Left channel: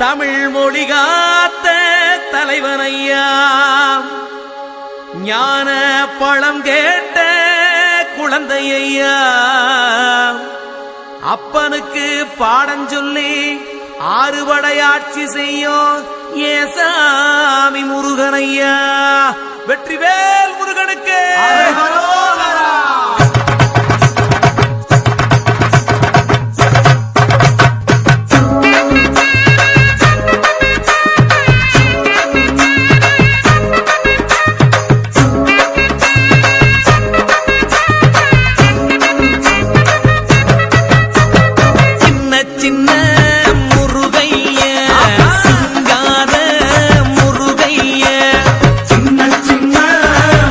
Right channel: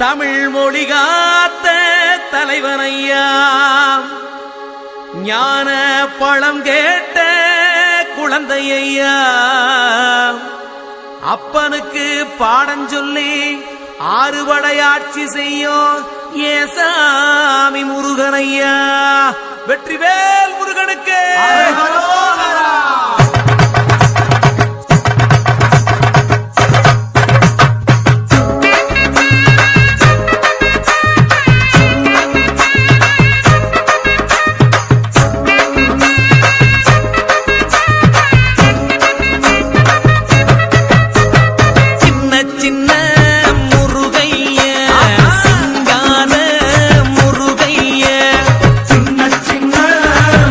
தமிழ் மொழி காத்த தலைவனையா, ஞான பழம் கேட்ட குழந்தையா, அப்பனுக்கு பாடஞ்சொல்லி ஆறுபடையாட்சி செய்யும் ஏசாமி முருகனையா. வெற்றிவேல் முருகனுக்கு. சின்ன முருகைய சிங்கார முருகைய, சின்ன சின்ன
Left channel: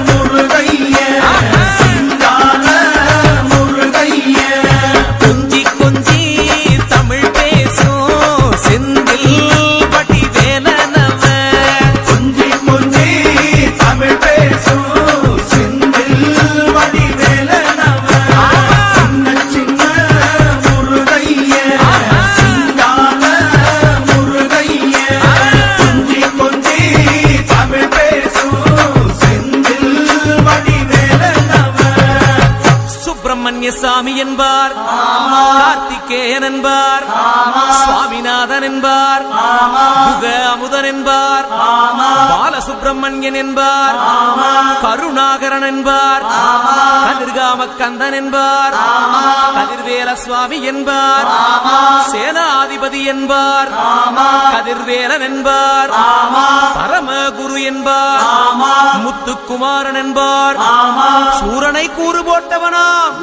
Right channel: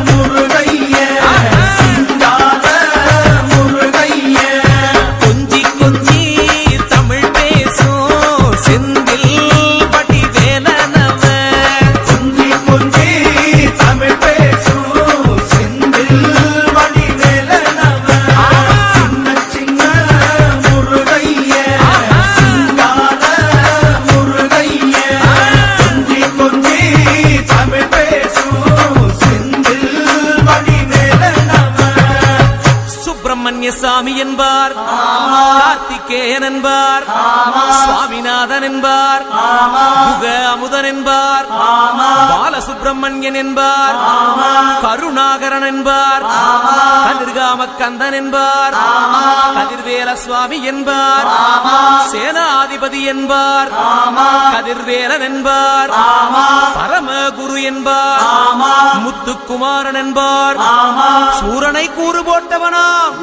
முருகைய சிங்கார முருகைய, கொஞ்சி கொஞ்சி தமிழ் பேசும் செந்தில் பட்டி வேலனவ, கொஞ்சி கொஞ்சி தமிழ் பேசும் செந்தில் வடி வேலனவ, சின்ன சின்ன முருகைய சிங்கார முருகைய, கொஞ்சி கொஞ்சி தமிழ் பேசும் செந்தில் வடி வேலனவ. சுப்பிரமணிய சாமி என்பார், கார்த்திகேயன் என்பார், சுவாமிநாதன் என்பார், முக அமுதன் என்பார், பாலசுப்பிரமணியன் என்பார், கருணாகரன் என்பார், கதிர்காம கந்தன் என்பார், கதிர்வேல சுவாமி என்பார், சேனாதிபதி என்பார், கதிர்வேலன் என்பார், பரமகுரு என்பார், முத்துக்குமாரன் என்பார், சூரனை கூறு போட்டவனாம்,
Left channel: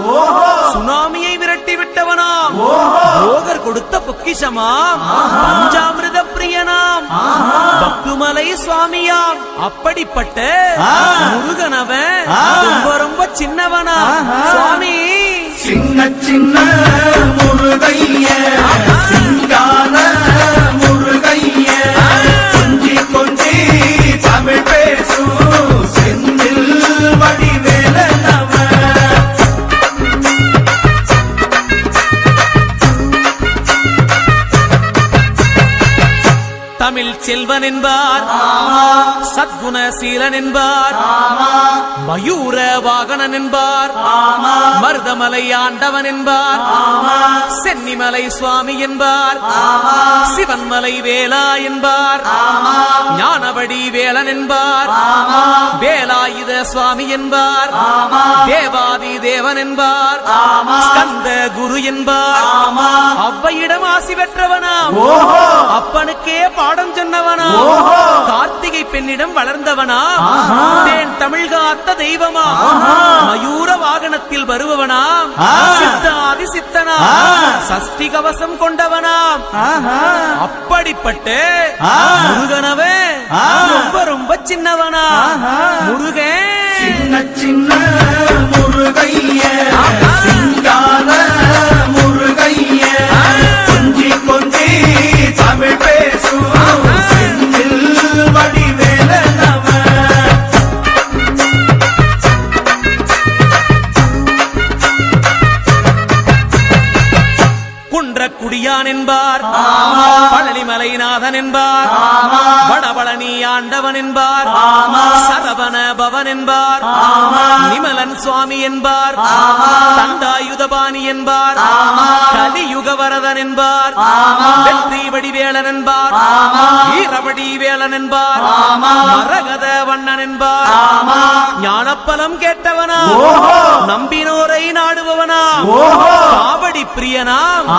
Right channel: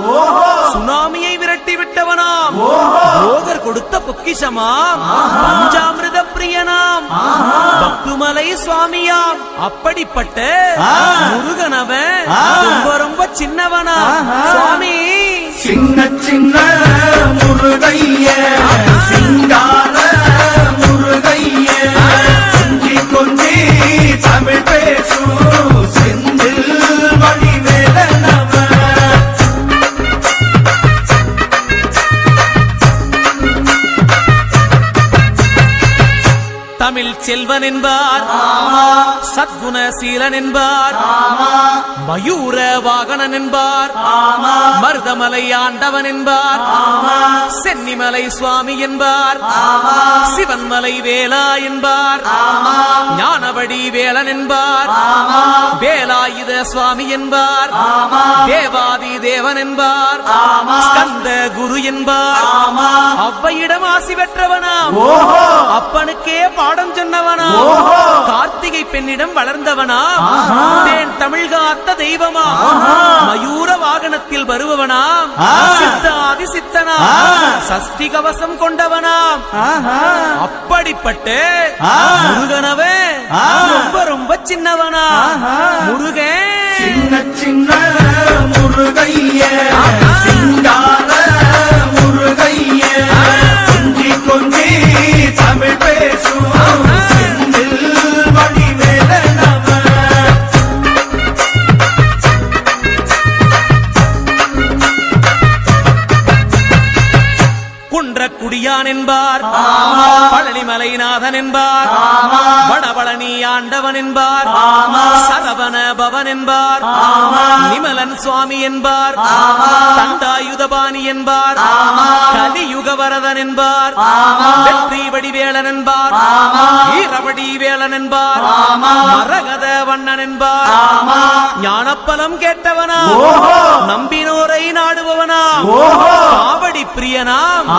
சுனாமியை விரட்டி விட்டவனாம், போகர் கொடுத்த பொக்கிஷமாம், பஞ்சாமிர்த பிரியனாம், பக்துமலை சுவாமியாம். அப்படிப்பட்ட முருகனவன் ரொம்ப ரொம்ப சின்னவனா சுவாமி. சின்ன சின்ன முருகைய சிங்கார முருகைய, கொஞ்சி கொஞ்சி தமிழ் பேசும் செந்தில் வடி வேலனவ. தமிழ் செல்வன் என்பார், சத்குணசீலன் என்பார், மயூர வாகனன் என்பார், மருதமலை ஆண்டவன் என்பார், சென்னிமலை சுவாமி என்பார், சிவன்மலை வேலா என்பார், ஞானபடி வேலன் என்பார், வேலாயுத சுவாமி என்பார், தேவாதி தேவன் என்பார், ஸ்கந்த குரு என்பார், அவ்வையிடம் ஆசி பெற்றவனாம், அப்பனுக்கே பாடம் சொன்னவனா, கார்த்திகை பெண்ணிடம் வளர்ந்தவனா, தேன் தமிழ் காத்த தெய்வமா, மயூர வாகனத்தில் வருபவனாம், சித்தாதி சித்தனா, சஷ்டி கவசம் கொண்டவனாம். அப்படிப்பட்ட முருகனவே ரொம்ப ரொம்ப சின்னவனா முருகன். சின்ன சின்ன முருகைய சிங்கார முருகைய, கொஞ்சி கொஞ்சி தமிழ் பேசும் செந்தில் வடி வேலனவ. குன்றக்குடியான் என்பார், பழனிமலைநாதன் என்பார், வடபழனி ஆண்டவன் என்பார், சரவண பவன் என்பார், நிமலன் சுவாமி என்பார், தண்டாயுதபாணி என்பார், கலியுக வரதன் என்பார், வெற்றி வடிவேலன் என்பார், வீரவடி வேலன் என்பார், மரகத வண்ணன் என்பார், ஞானப்பலம் கேட்டவனா, நம்பினோரை நாடுபவனா, காவடி பிரியனாம்,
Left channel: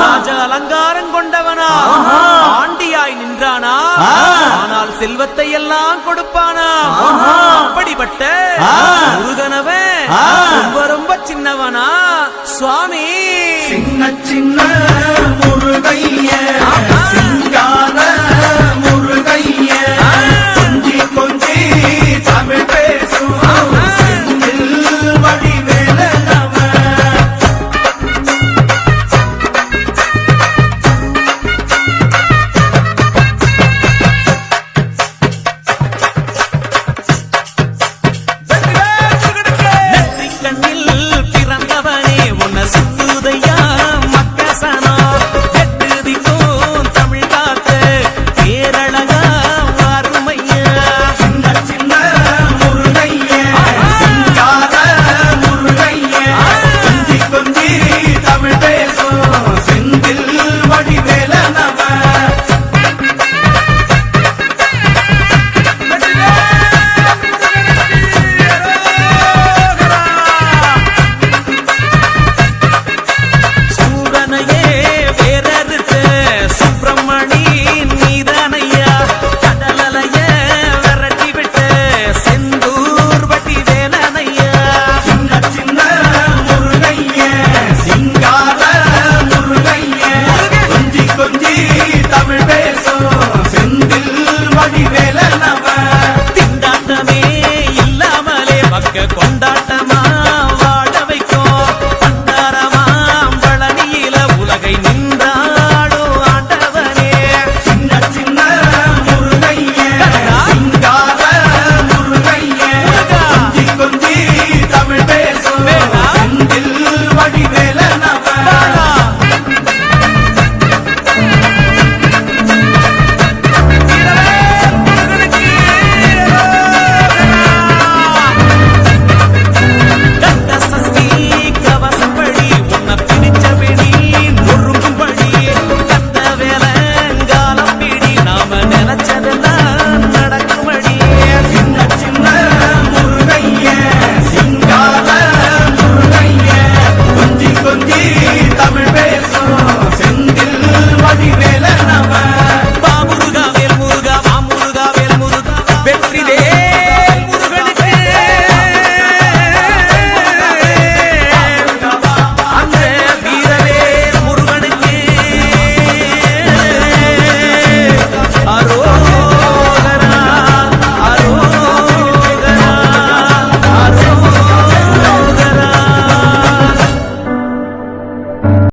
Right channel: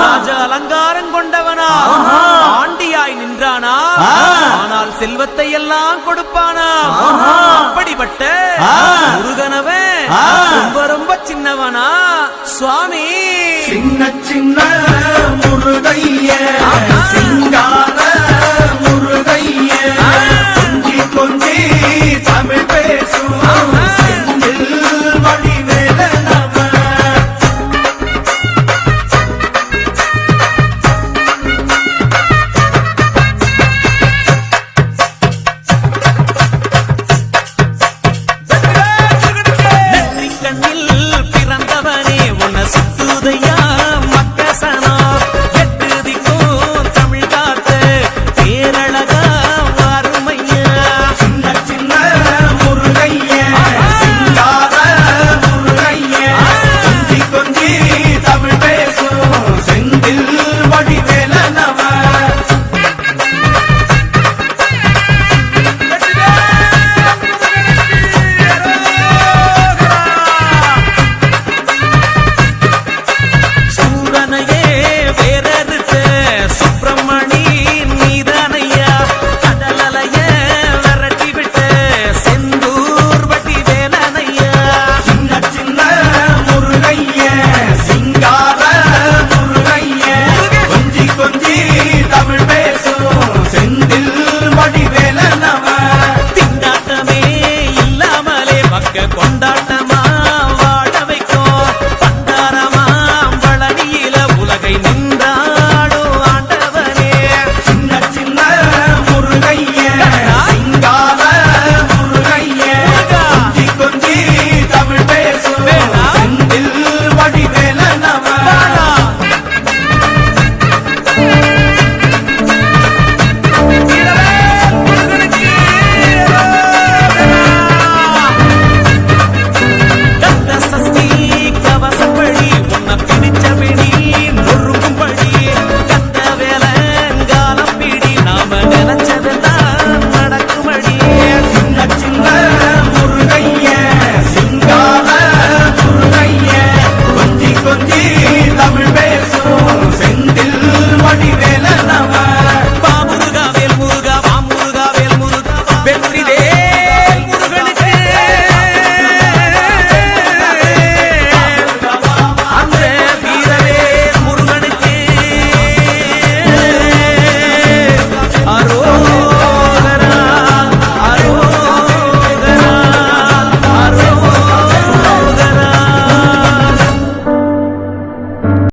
ராஜ அலங்காரம் கொண்டவனா, ஆண்டியாய் நின்றானா, ஆனால் செல்வத்தை எல்லாம் கொடுப்பானா. அப்படிப்பட்ட முருகனவன் ரொம்ப ரொம்ப சின்னவனா சுவாமி. சின்ன சின்ன முருகைய சிங்கார முருகைய, கொஞ்சி கொஞ்சி தமிழ் பேசும் செந்தில் வடி வேலனவ. கண்ணில் பிறந்தவனே உன்னை சுத்துதையா மக்கசனா, தமிழ் பேசும் செந்தில் வடிவேலனவ திண்டாட்டமே இல்லாமலே பக்க கொண்டாட்டமா வாழ வைக்கும் பண்டாரமாம் பழனியில உலகை நின்றாடும் ஆண்டவனே சின்ன சின்ன முருகைய சிங்கார முருகைய முருகா. கொஞ்சி கொஞ்சி தமிழ் பேசும் வேணா. செந்தில் வடிவேலனவ வாடா. வீரவேல் முருகனுக்கு கந்த சஷ்டி கவசப்படி உன்னை பிடிச்சபடி நொறுங்கும்படி கந்த வேலங்காலம் பிடி நாம நினைச்சதெல்லாம் நடக்குமடி சின்ன சின்ன முருகைய சிங்கார முருகைய கொஞ்சி கொஞ்சி தமிழ் பேசும் செந்தில் வடிவேலனவ